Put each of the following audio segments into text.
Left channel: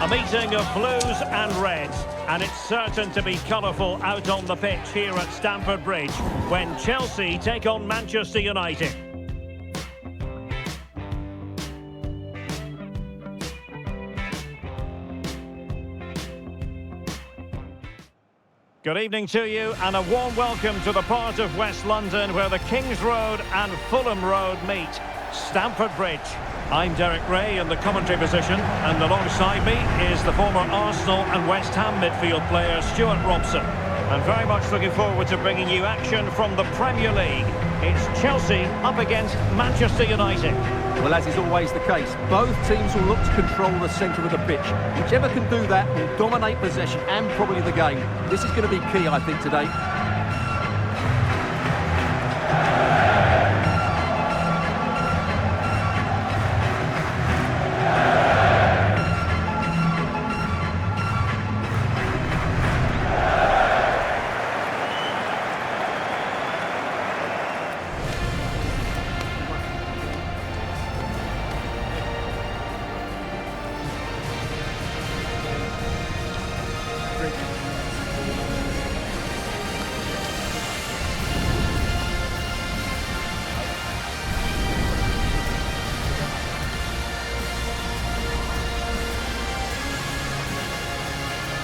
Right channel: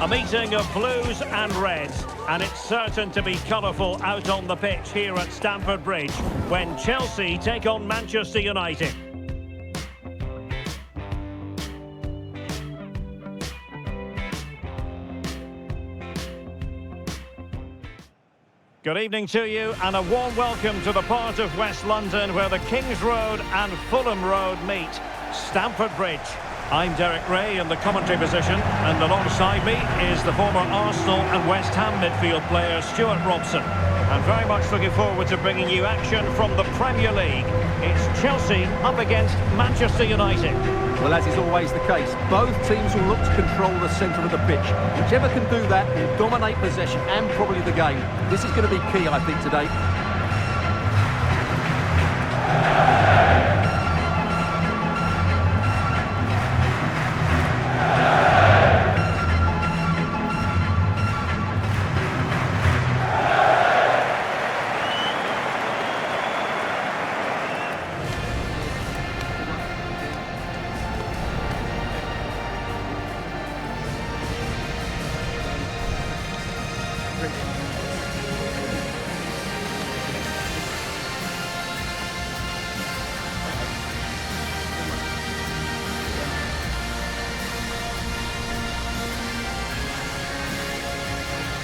A meeting of blues and reds, and it's certain to be colourful out on the pitch here at Stamford Bridge when Chelsea take on Manchester United. Good evening to you and a warm welcome to the part of West London where the Kings Road and Fulham Road meet, Stamford Bridge. I'm Derek Ray in the commentary position, and alongside me is the former Arsenal and West Ham midfield player Stuart Robson. I'm very much looking forward to bringing you action from the Premier League. It's Chelsea up against Manchester United. Well, as is always the case, both teams will look to control the centre of the pitch. Whichever can do that will dominate possession and probably the game. This is going to be key, I think, today.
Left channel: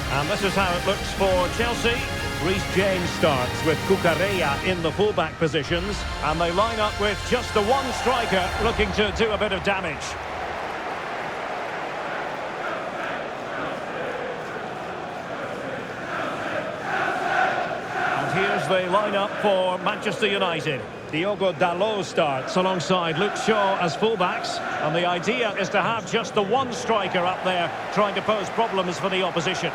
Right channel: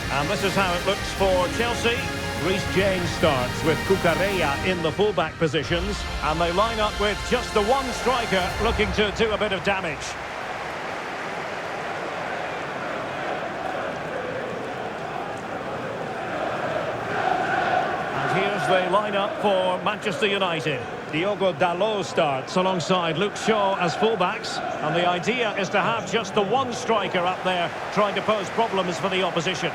And this is how it looks for Chelsea. Reece James starts with Cucurella in the fullback positions, and they line up with just the one striker looking to do a bit of damage. And here's the lineup for Manchester United. Diogo Dalot starts alongside Luke Shaw as fullbacks, and the idea is to have just the one striker up there trying to pose problems for the opposition.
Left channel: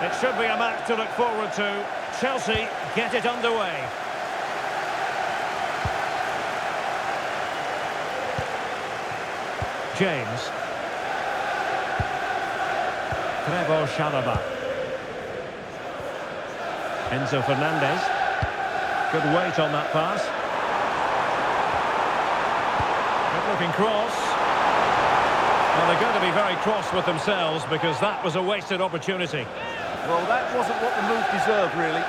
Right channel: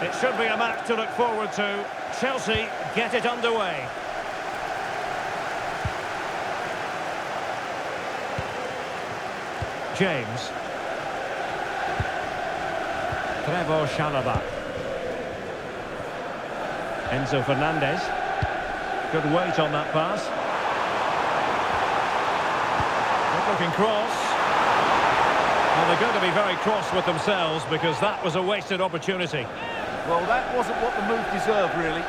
It should be a match to look forward to. Chelsea get it underway. James. Trevor Chalobah. Enzo Fernandez. Good weight on that pass. Good looking cross. Well, they're going to be very cross with themselves because that was a wasted opportunity. Well, that wasn't what the move deserved, really.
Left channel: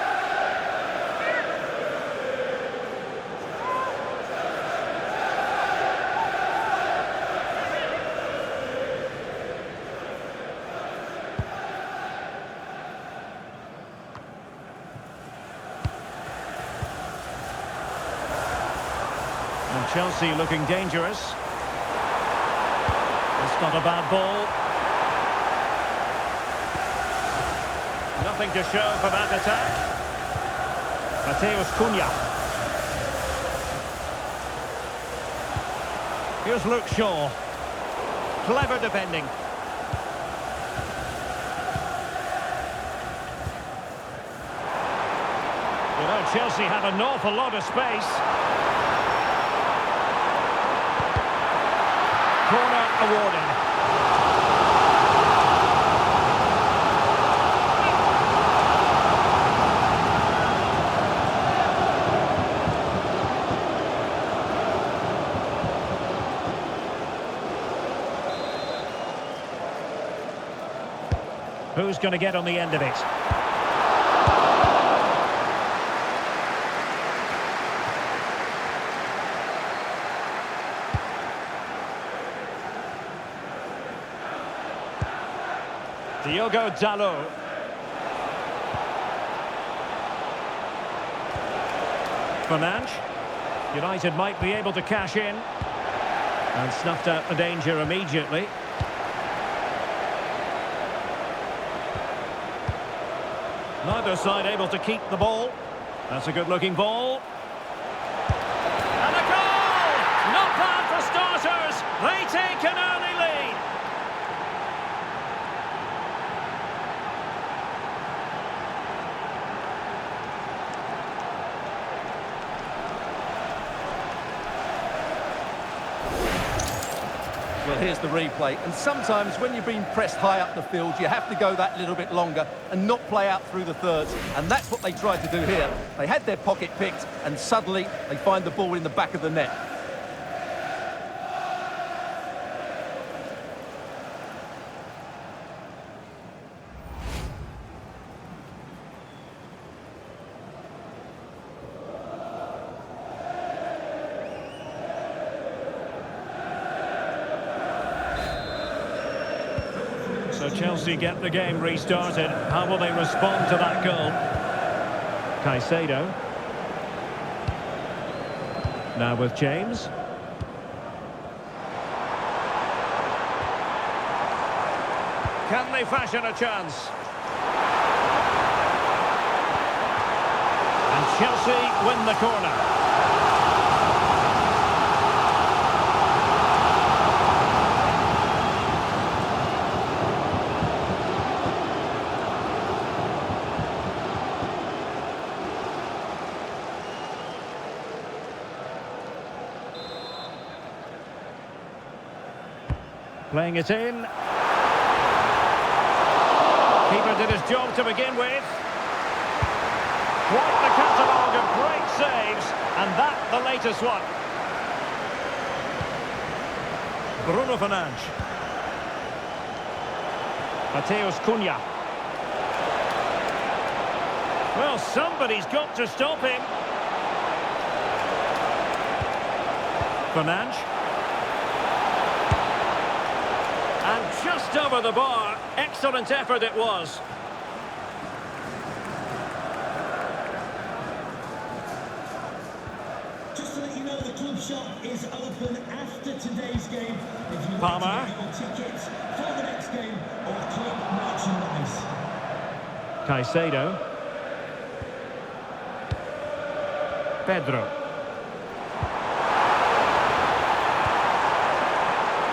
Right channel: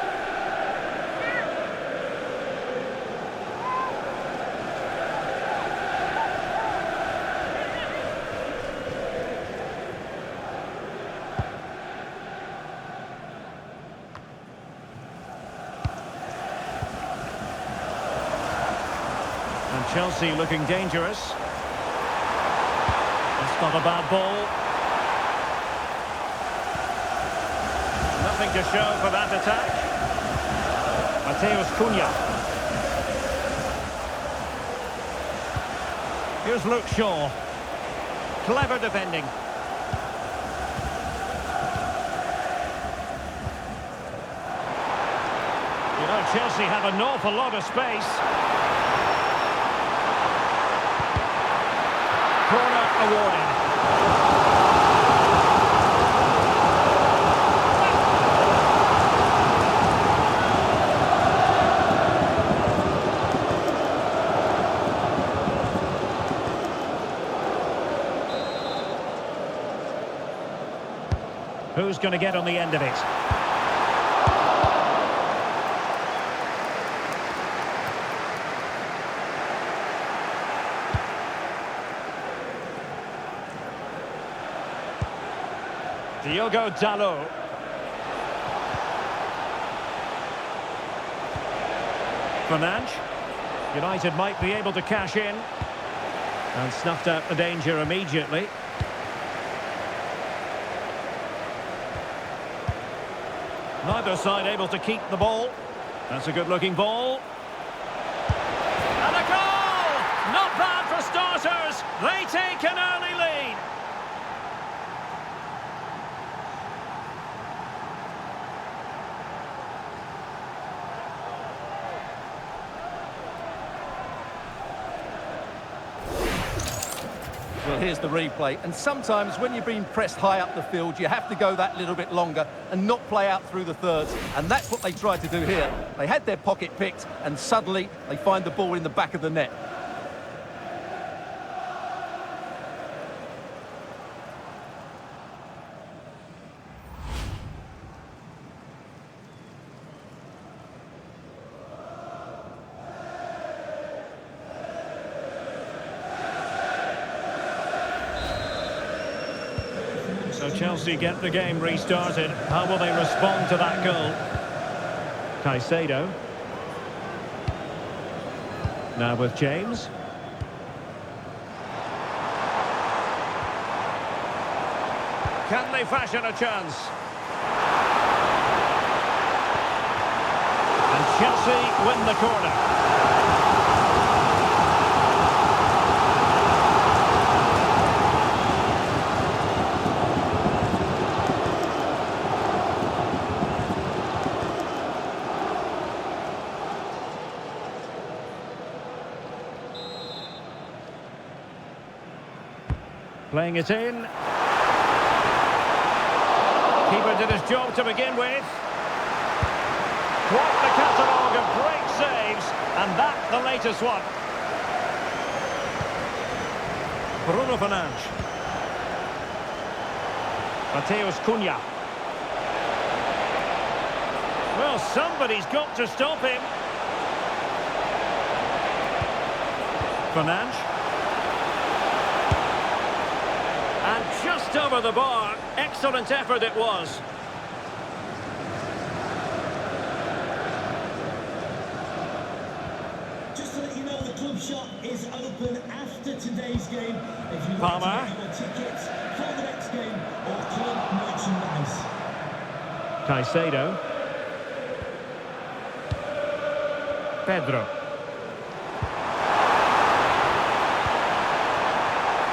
And Chelsea looking dangerous. It's not a bad ball. Nothing to show for that attack. Mateus Cunha. Here's Luke Shaw. Clever defending. You know, Chelsea have an awful lot of space. Corner awarded. Who's going to get on the end of it? Diogo Dalot. Fernandes. United might be able to cash in. And snuffed out the danger immediately. Neither side able to keep the ball. That's a good-looking ball. And a goal! Not bad for starters. They take an early lead. Well, here's the replay, and sometimes when you're being pressed high up the field, you have to go that little bit longer and not play out through the thirds, and that's what they tried to do here. They had their pocket picked, and suddenly they find the ball in the back of the net. So Chelsea get the game restarted. How will they respond to that goal? Caicedo. Now with James. Can they fashion a chance? And Chelsea win the corner. Playing it in. Keeper did his job to begin with. Quite the catalogue of great saves, and that the latest one. Bruno Fernandes. Mateus Cunha. Well, somebody's got to stop him. Fernandes. And just over the bar. Excellent effort it was. Just to let you know, the club shop is open after today's game. If you'd like Palmer. to get your tickets for the next game or club merchandise. Caicedo. Pedro.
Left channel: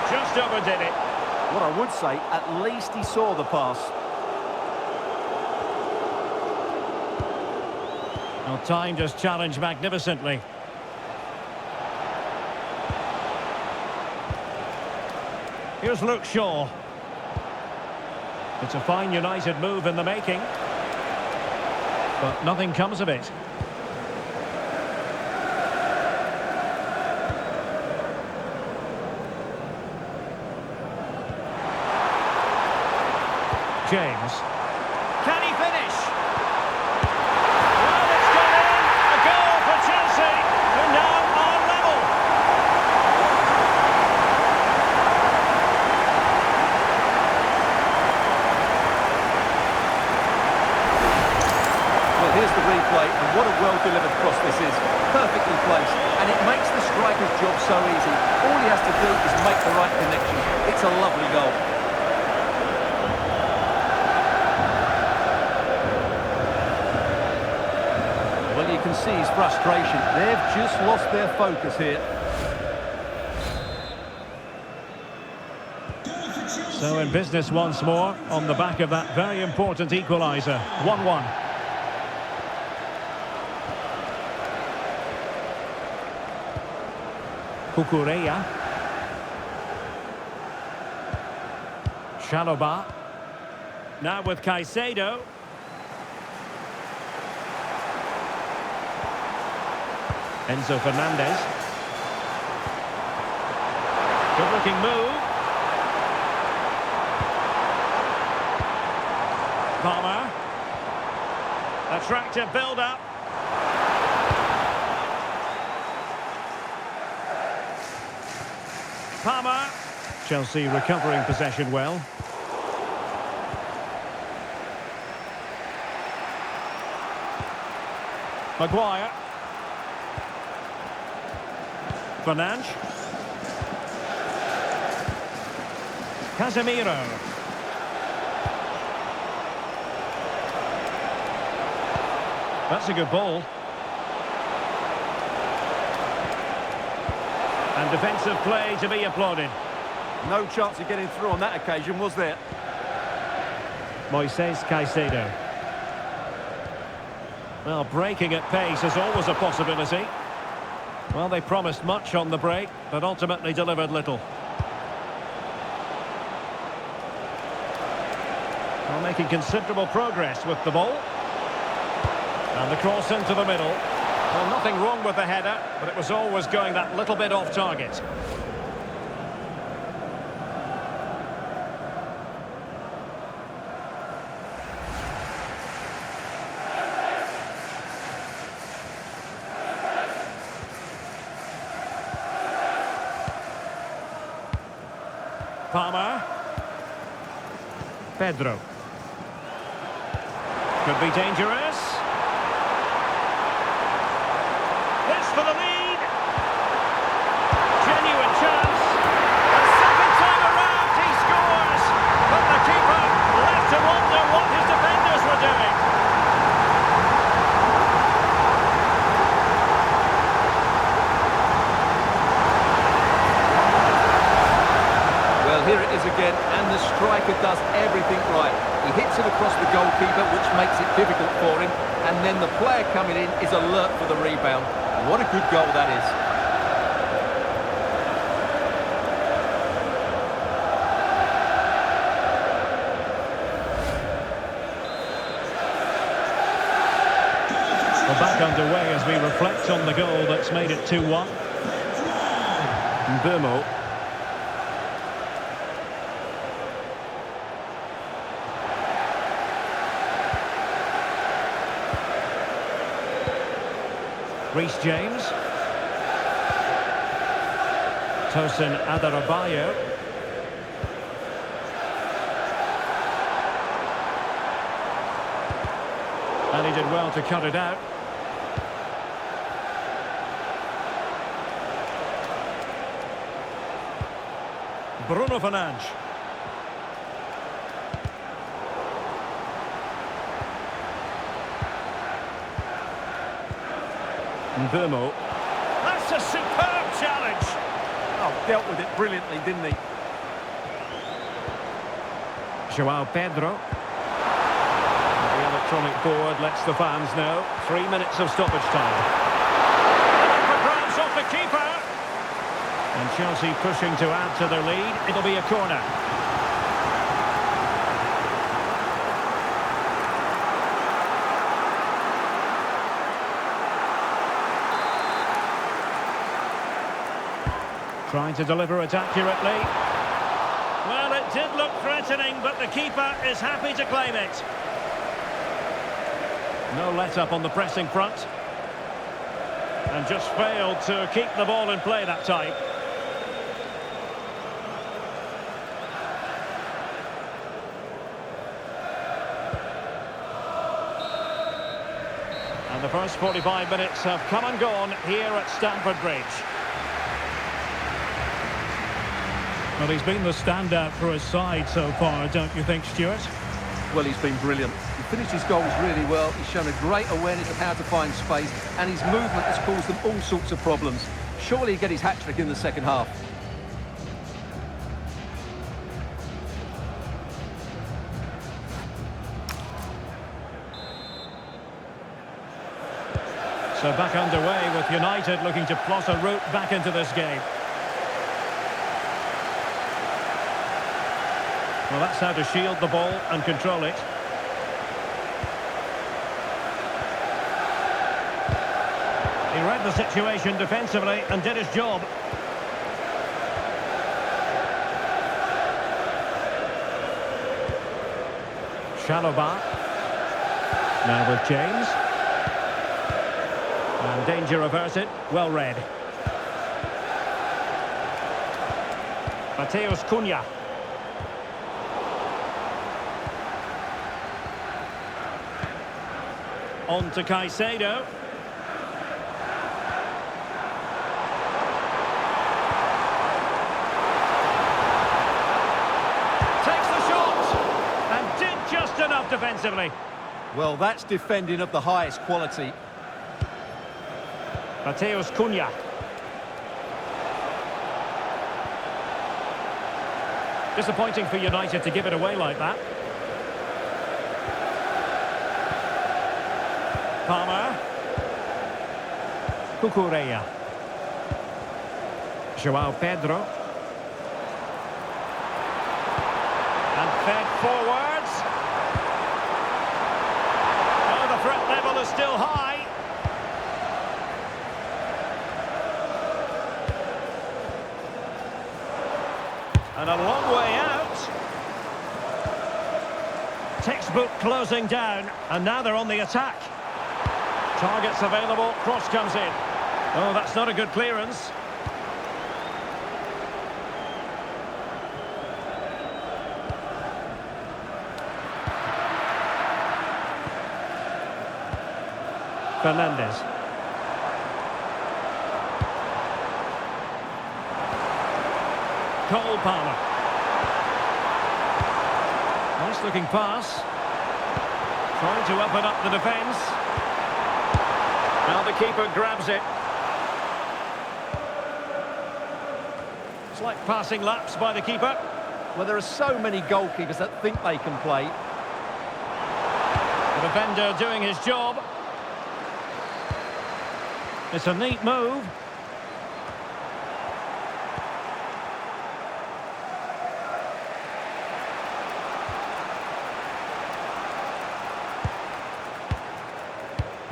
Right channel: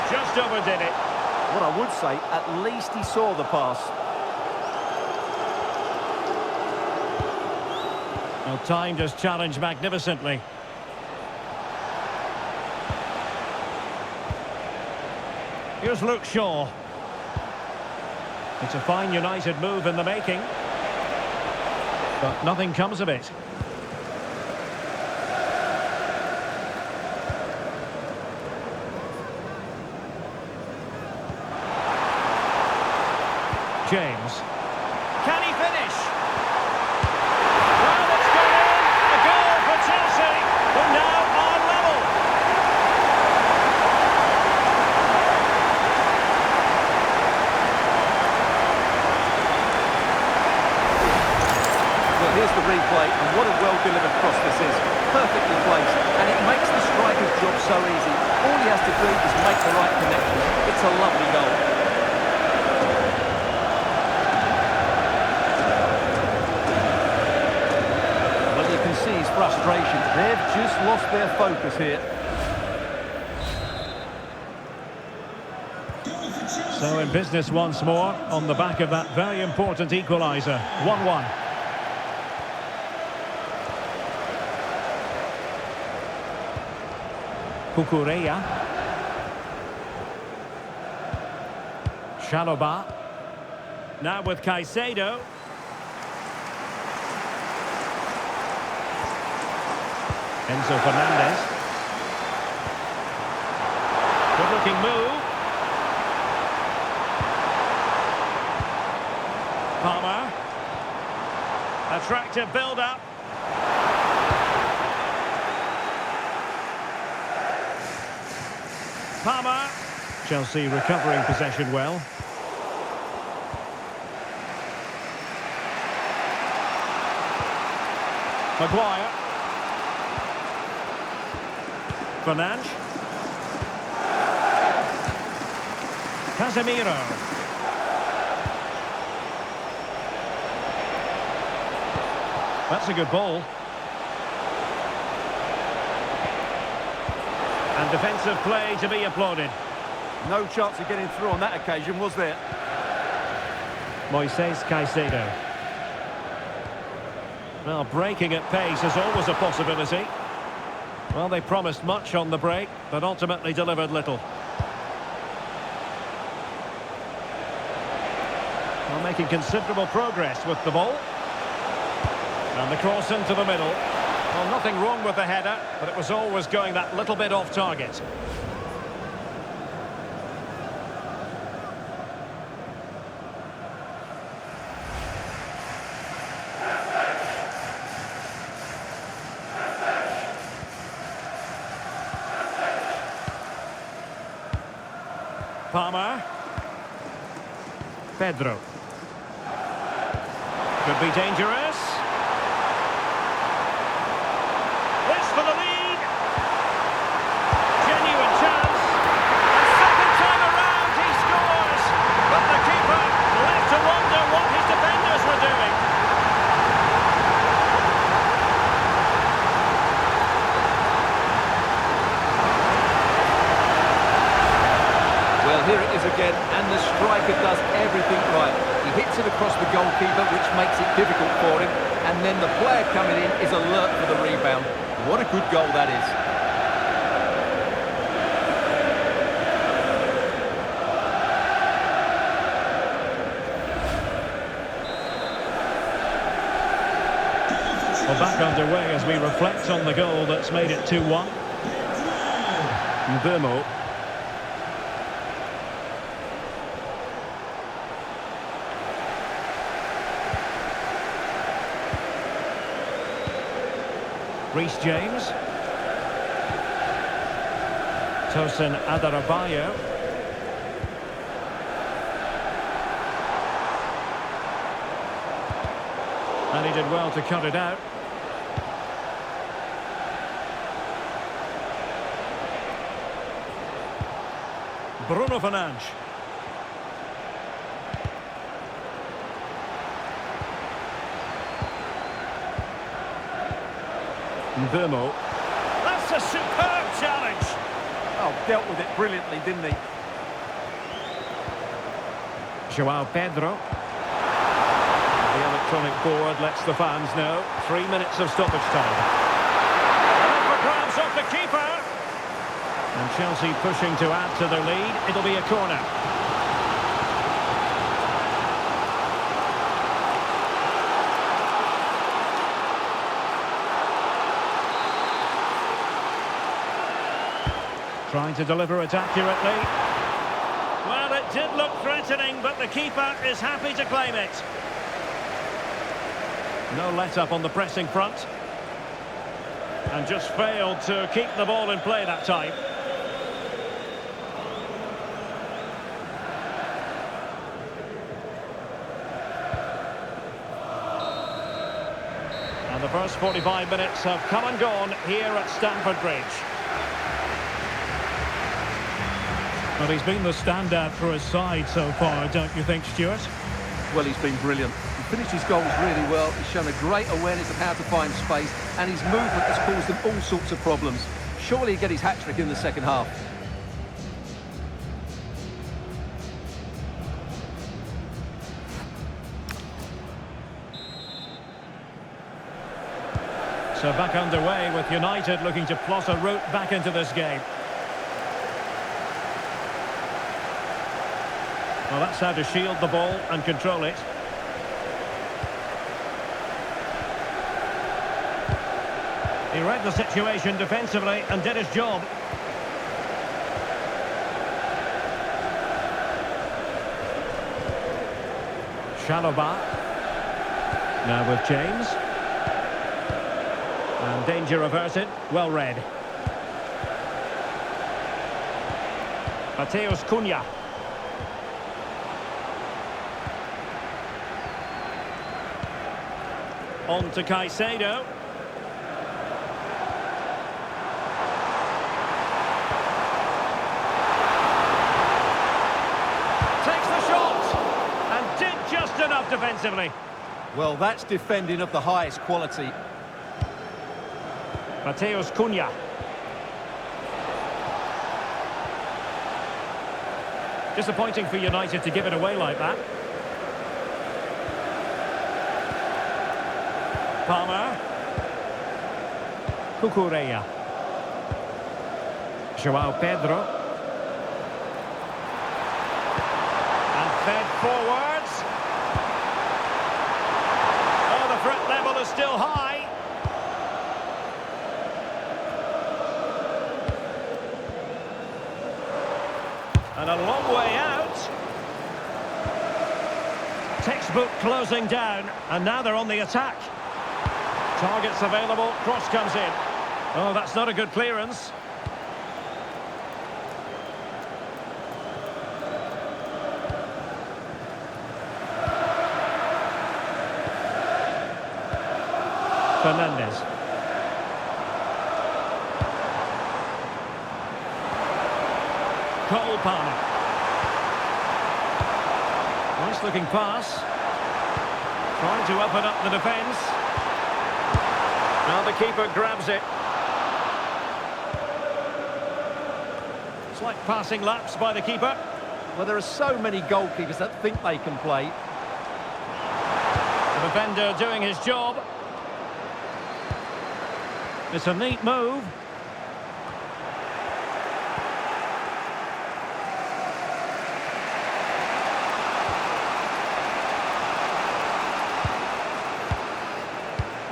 Just overdid it. What I would say, at least he saw the pass. Well, timed his challenge magnificently. Here's Luke Shaw. It's a fine United move in the making. But nothing comes of it. James. Can he finish? Well, it's gone in. A goal for Chelsea, who now are level. Well, here's the replay, and what a well-delivered cross this is. Perfectly placed, and it makes the striker's job so easy. All he has to do is make the right connection. It's a lovely goal. Well, you can see his frustration. They've just lost their focus here. So in business once more, on the back of that very important equaliser. 1-1. Cucurella. Chalobah. Now with Caicedo. Enzo Fernandez. Good-looking move. Palmer. Attractive build-up. Palmer. Chelsea recovering possession well. Maguire. Fernandes. Casemiro. That's a good ball. And defensive play to be applauded. No chance of getting through on that occasion, was there? Moises Caicedo. Well, breaking at pace is always a possibility. Well, they promised much on the break, but ultimately delivered little. Well, making considerable progress with the ball. And the cross into the middle. Well, nothing wrong with the header, but it was always going that little bit off target. Palmer. Pedro. Could be dangerous. This for the lead. Genuine chance. A second time around he scores. But the keeper left to wonder what his defenders were doing. Well, here it is again, and the striker does everything right. He hits it across the goalkeeper, which makes it difficult for him, and then the player coming in is alert for the rebound. What a good goal that is. Well, back underway as we reflect on the goal that's made it 2-1. Mzpanda. Reece James. Tosin Adarabayo. And he did well to cut it out. Bruno Fernandes. Mzpanda. That's a superb challenge. Oh, dealt with it brilliantly, didn't he? João Pedro. The electronic board lets the fans know. 3 minutes of stoppage time. And up for grabs off the keeper. And Chelsea pushing to add to their lead. It'll be a corner. Trying to deliver it accurately. Well, it did look threatening, but the keeper is happy to claim it. No let-up on the pressing front. And just failed to keep the ball in play that time. And the first 45 minutes have come and gone here at Stamford Bridge. Well, he's been the standout for his side so far, don't you think, Stuart? Well, he's been brilliant. He finished his goals really well. He's shown a great awareness of how to find space, and his movement has caused them all sorts of problems. Surely he'll get his hat-trick in the second half. So back underway with United looking to plot a route back into this game. Well, that's how to shield the ball and control it. He read the situation defensively and did his job. Chalobah. Now with James. And danger averted. Well read. Mateus Cunha. On to Caicedo. Takes the shot and did just enough defensively. Well, that's defending of the highest quality. Mateus Cunha. Disappointing for United to give it away like that. Palmer. Cucurella. João Pedro. And fed forwards. is still high. And a long way out. Textbook closing down, and now they're on the attack. Targets available, cross comes in. Oh, that's not a good clearance. Fernandez. Cole Palmer. Nice looking pass. Trying to open up the defence. Now the keeper grabs it. It's like passing laps by the keeper. Well, there are so many goalkeepers that think they can play. The defender doing his job. It's a neat move.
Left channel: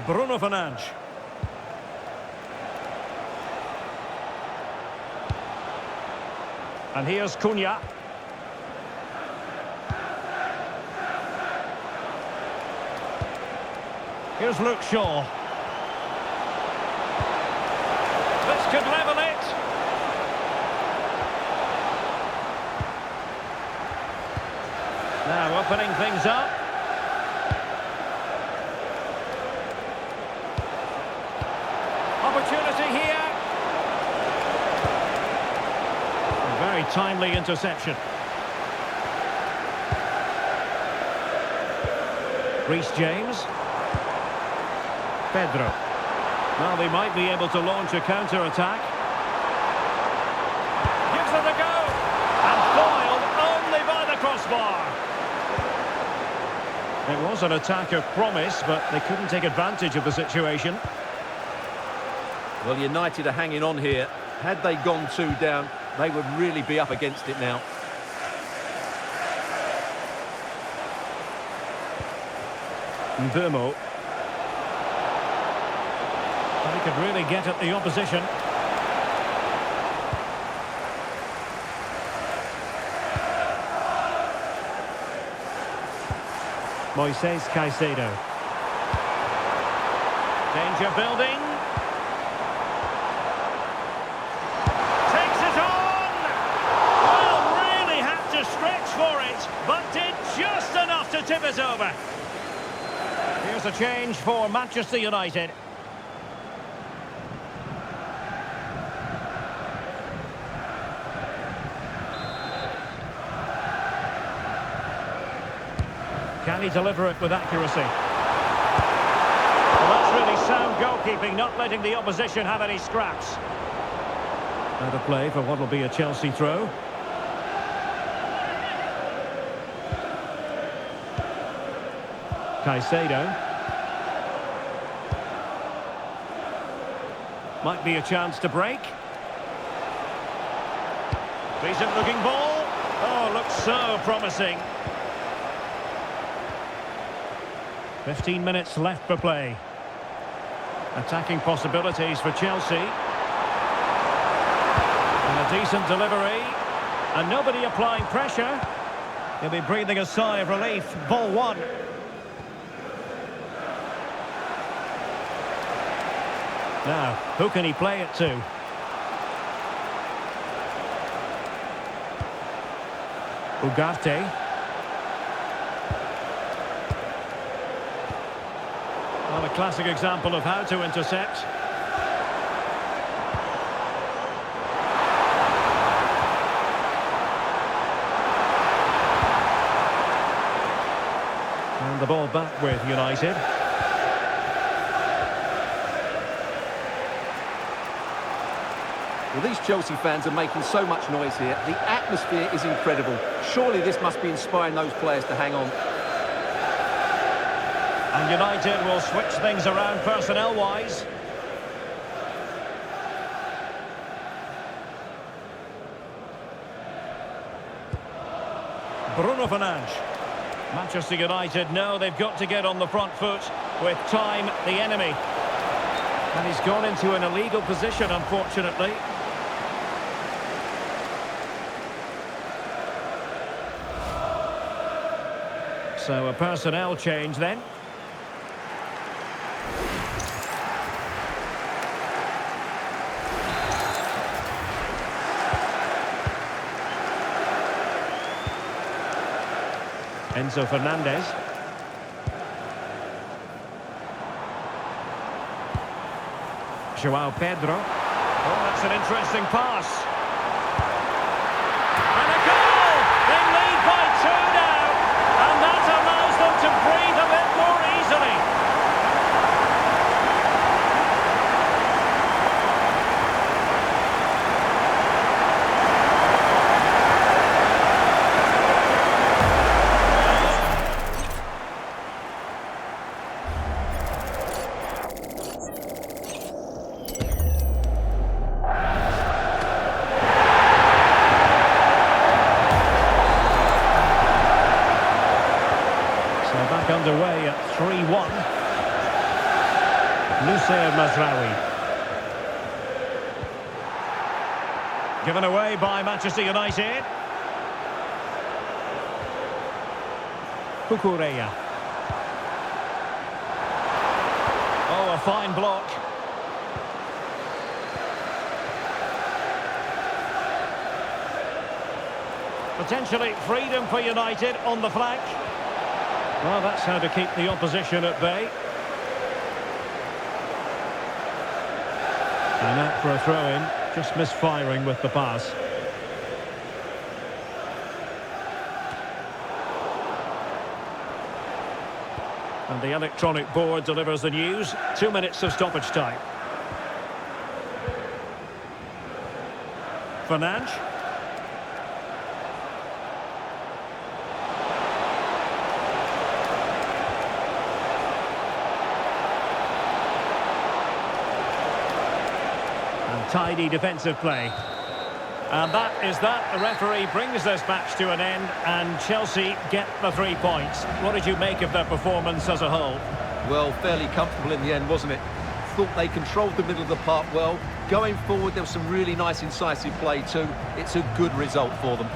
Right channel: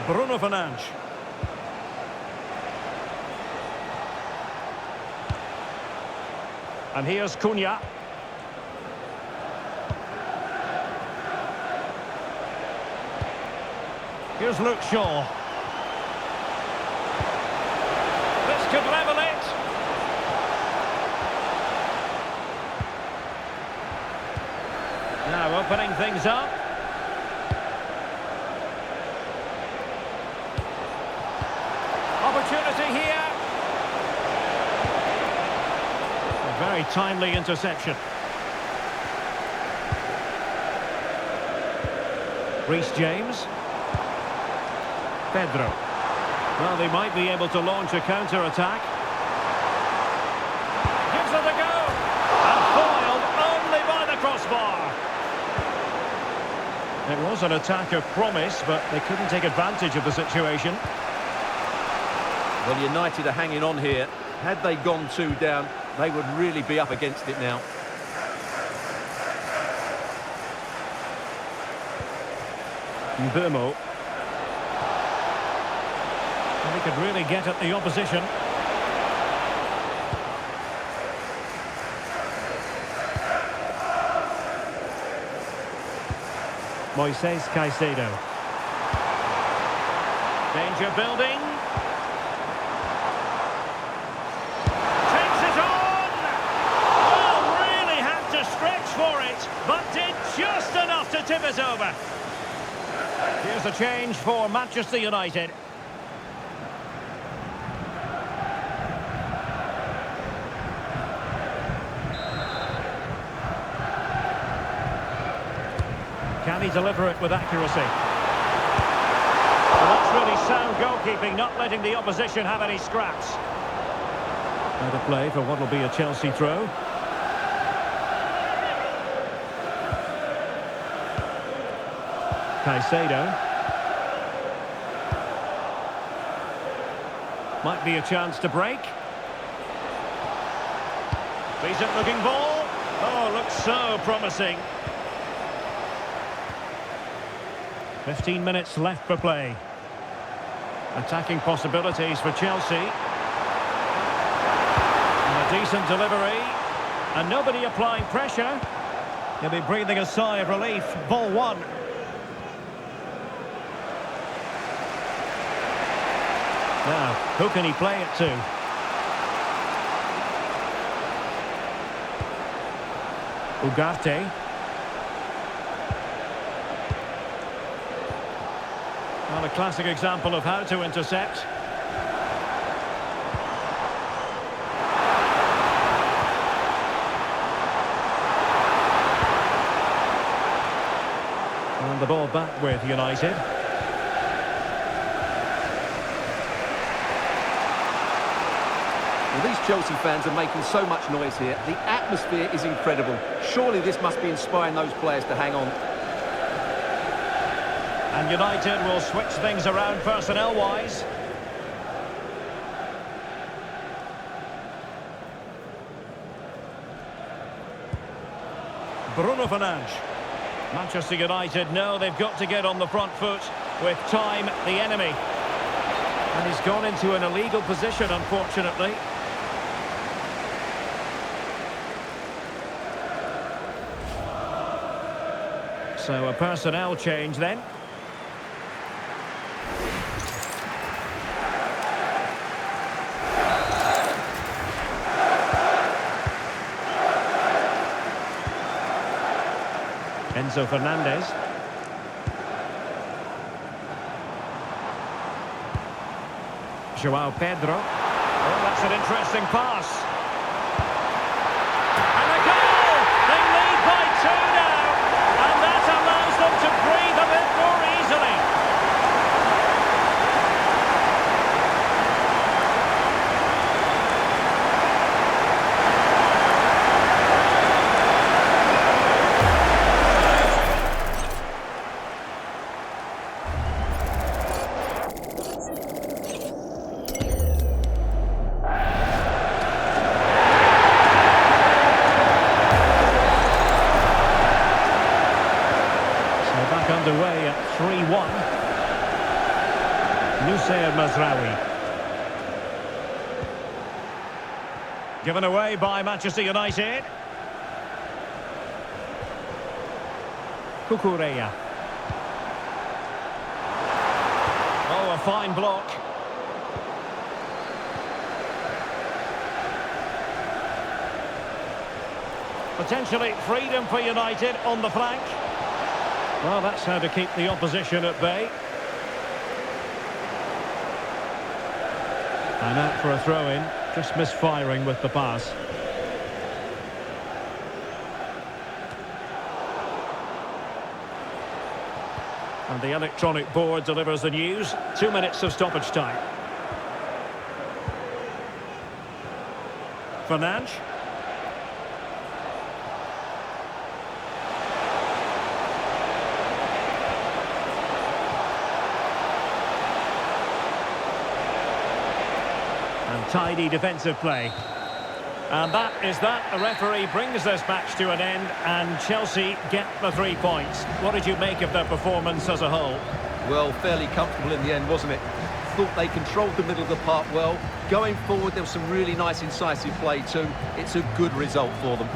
Bruno Fernandes. And here's Cunha. Here's Luke Shaw. This could level it. Now opening things up. Opportunity here. A very timely interception. Reece James. Pedro. Well, they might be able to launch a counter-attack. Gives it a go. And foiled only by the crossbar. It was an attack of promise, but they couldn't take advantage of the situation. Well, United are hanging on here. Had they gone 2 down, they would really be up against it now. Mbumo. He could really get at the opposition. Moises Caicedo. Danger building. Takes it on! Well, really had to stretch for it, but did just enough to tip it over. Here's a change for Manchester United. Can he deliver it with accuracy? Well, that's really sound goalkeeping, not letting the opposition have any scraps. Out of play for what will be a Chelsea throw. Caicedo. Might be a chance to break. Decent looking ball. Oh, looks so promising. 15 minutes left for play. Attacking possibilities for Chelsea. And a decent delivery. And nobody applying pressure. He'll be breathing a sigh of relief. Ball one. Now, who can he play it to? Ugarte. Well, a classic example of how to intercept. And the ball back with United. Well, these Chelsea fans are making so much noise here. The atmosphere is incredible. Surely this must be inspiring those players to hang on. And United will switch things around personnel-wise. Bruno Fernandes. Manchester United know they've got to get on the front foot with time the enemy. And he's gone into an illegal position, unfortunately. So a personnel change then. Enzo Fernandez. João Pedro. Oh, that's an interesting pass. And a goal! They lead by 2 now. And that allows them to breathe a bit more easily. Back underway at 3-1. Nusayr Mazraoui. Given away by Manchester United. Cucurella. Oh, a fine block. Potentially freedom for United on the flank. Well, that's how to keep the opposition at bay. And out for a throw-in, just misfiring with the pass. And the electronic board delivers the news. 2 minutes of stoppage time. Fernandes. And tidy defensive play. And that is that. The referee brings this match to an end and Chelsea get the 3 points. What did you make of their performance as a whole? Well, fairly comfortable in the end, wasn't it? Thought they controlled the middle of the park well. Going forward, there was some really nice incisive play too. It's a good result for them.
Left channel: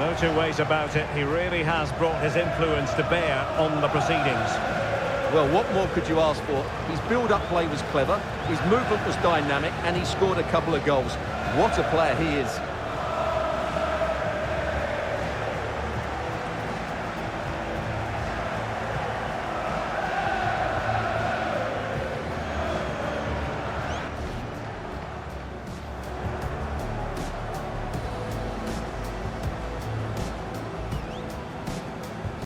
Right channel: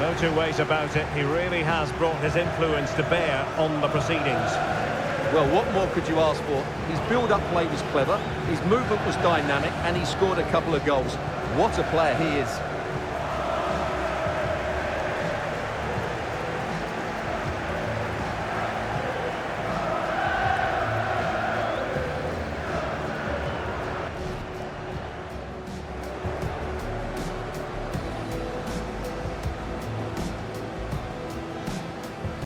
No two ways about it. He really has brought his influence to bear on the proceedings. Well, what more could you ask for? His build-up play was clever, his movement was dynamic, and he scored a couple of goals. What a player he is.